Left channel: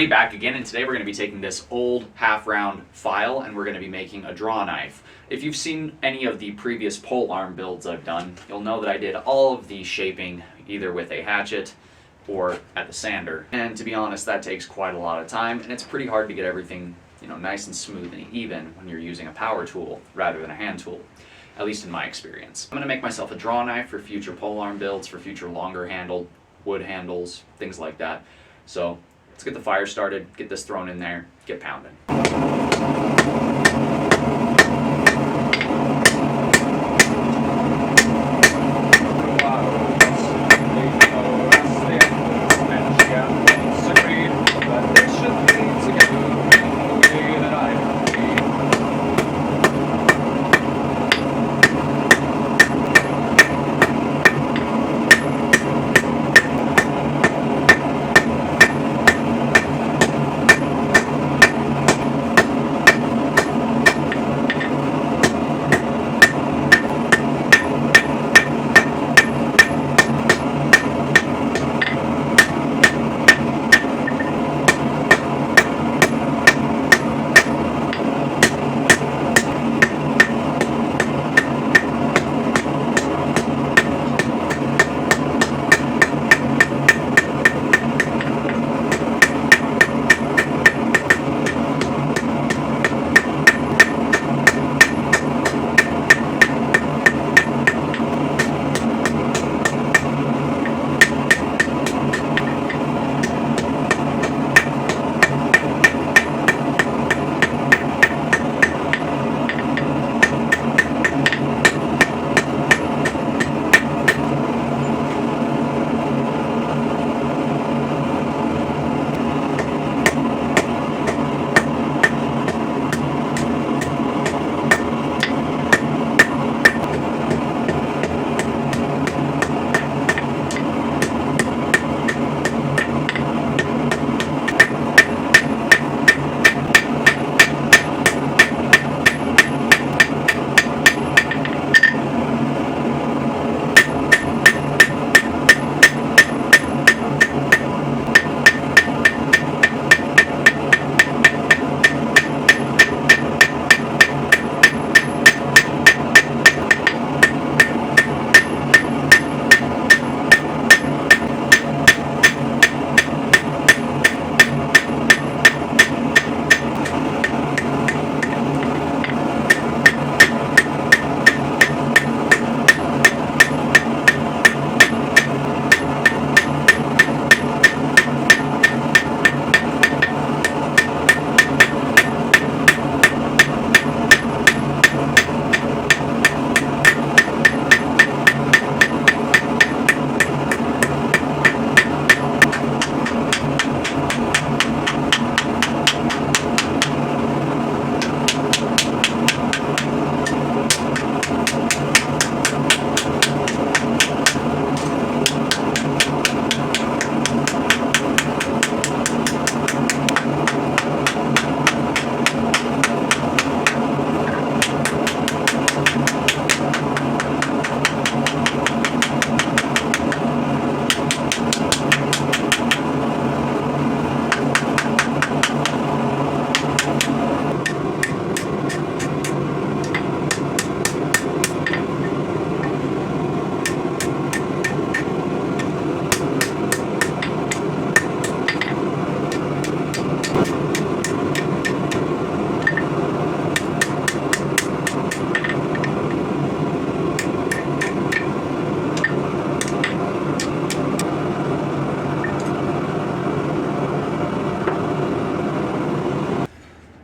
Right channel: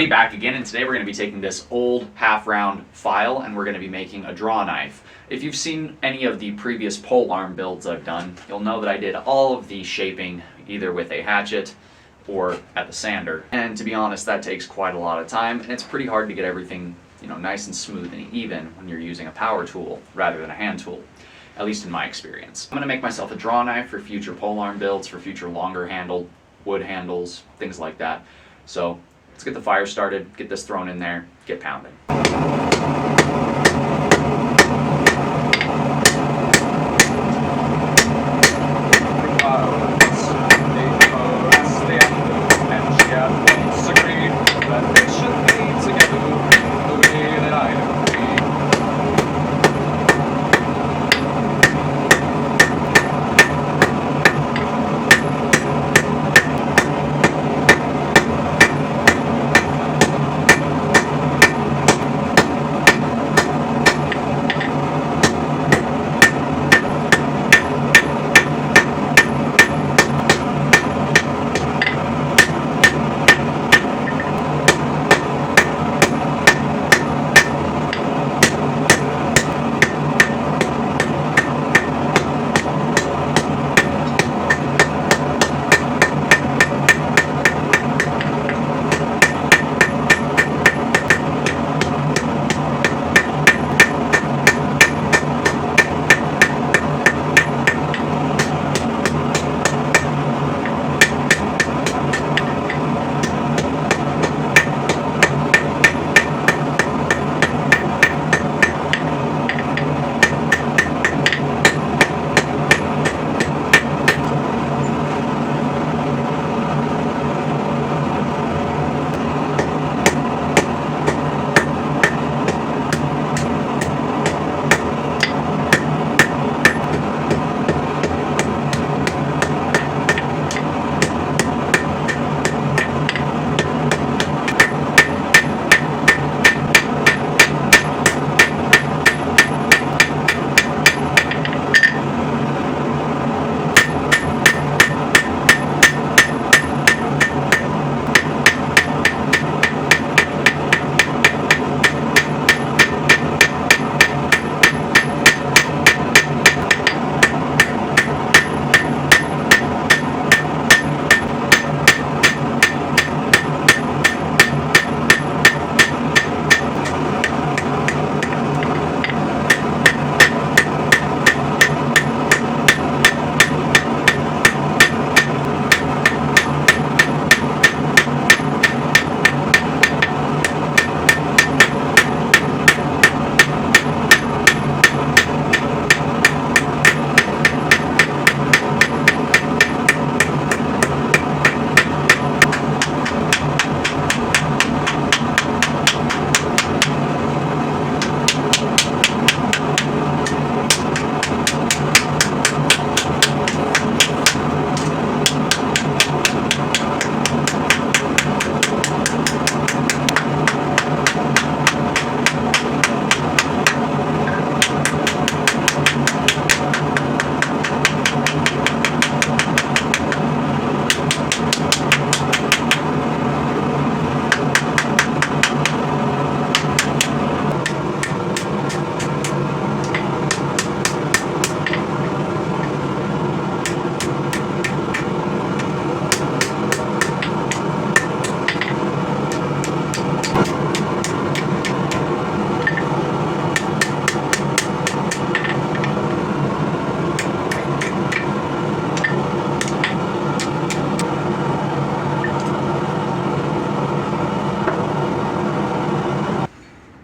everybody, back again, and today we're going to be taking this old half-round file and we're going to be making a draw knife. If you've seen any of the previous pole arm builds I've done, you'll know that I did all of the shaping either with a hatchet or at the sander. And to be honest, that takes quite a lot of time, and it's pretty hard to get everything, nice and smooth and even when you're using a power tool rather than a hand tool, at least in my experience. I'm going to make myself a draw knife for future pole arm builds, for future longer handle, wood handles, things like that. So let's get the fire started, get this thrown in there, get pounding.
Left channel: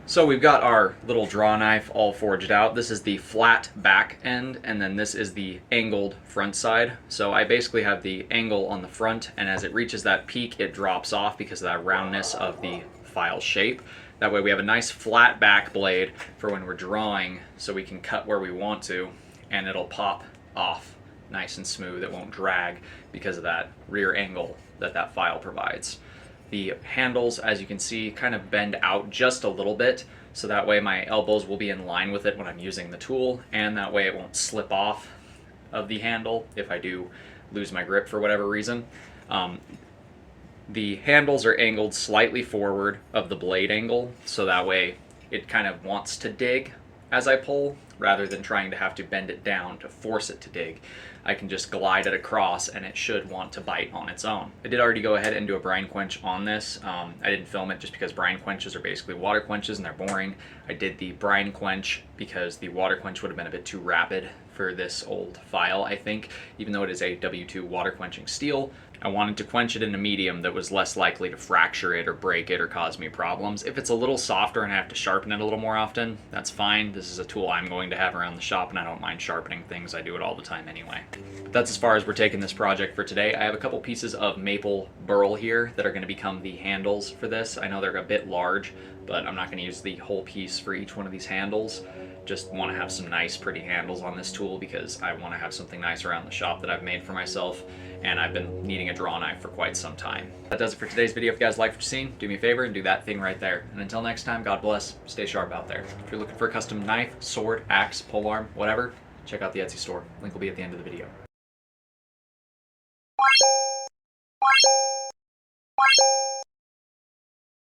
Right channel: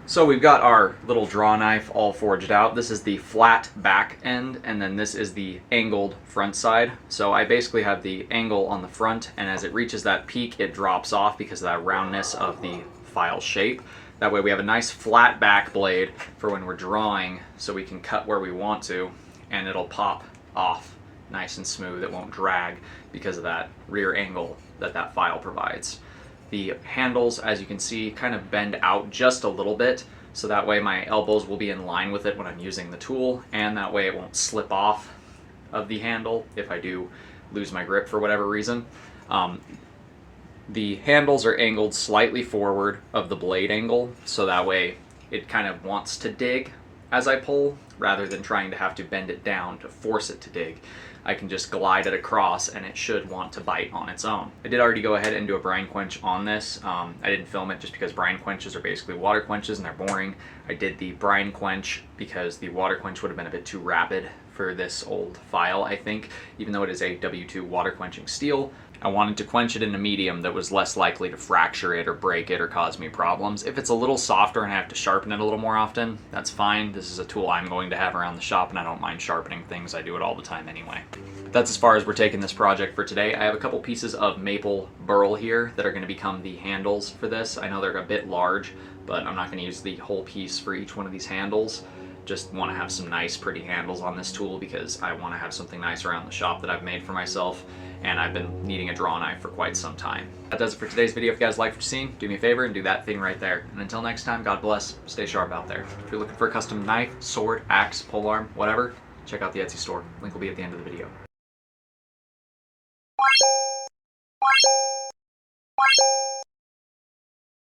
So we've got our little draw knife all forged out. This is the flat back end, and then this is the angled front side. So I basically have the angle on the front, and as it reaches that peak, it drops off because of that roundness of the file shape. That way we have a nice flat back blade for when we're drawing, so we can cut where we want to, and it'll pop off nice and smooth. It won't drag because of that rear angle that that file provides. The handles, as you can see, kind of bend out just a little bit, so that way my elbows will be in line with it when I'm using the tool, and that way it won't slip off of the handle if I do lose my grip for whatever reason. The handles are angled slightly forward of the blade angle, so that way it kind of wants to dig as I pull, rather than trying to have to bend it down to force it to dig. I can just glide it across and it should want to bite on its own. I did already go ahead and do a brine quench on this. I didn't film it just because brine quenches are basically water quenches and they're boring. I did the brine quench because the water quench would have been a bit too rapid for this old file, I think. Even though it is a W2 water quenching steel, I wanted to quench it in a medium that was less likely to fracture it or break it or cause me problems. If it's a little softer and I have to sharpen it a little more often, that's fine. This is a tool I'm going to have around the shop and I don't mind sharpening things. I do it all the time anyway. But that's as far as we're taking this project for today. I have a couple pieces of maple burl here that are going to become the handles for this. I know they're a bit large, but I'm not going to use the whole piece for each one of these handles. Just want to have some nice pretty handles on this tool because I want to have something nice around the shop that I've made for myself, and I've been needing a draw knife for quite some time. That does it for today's video. If you guys liked what you've seen, do me a favor and do that thing right there. And until next time, God bless, stay sharp out there. If you're looking for a custom knife, sword, axe, polearm, whatever, check out the Etsy store. Link will be at the end of the video.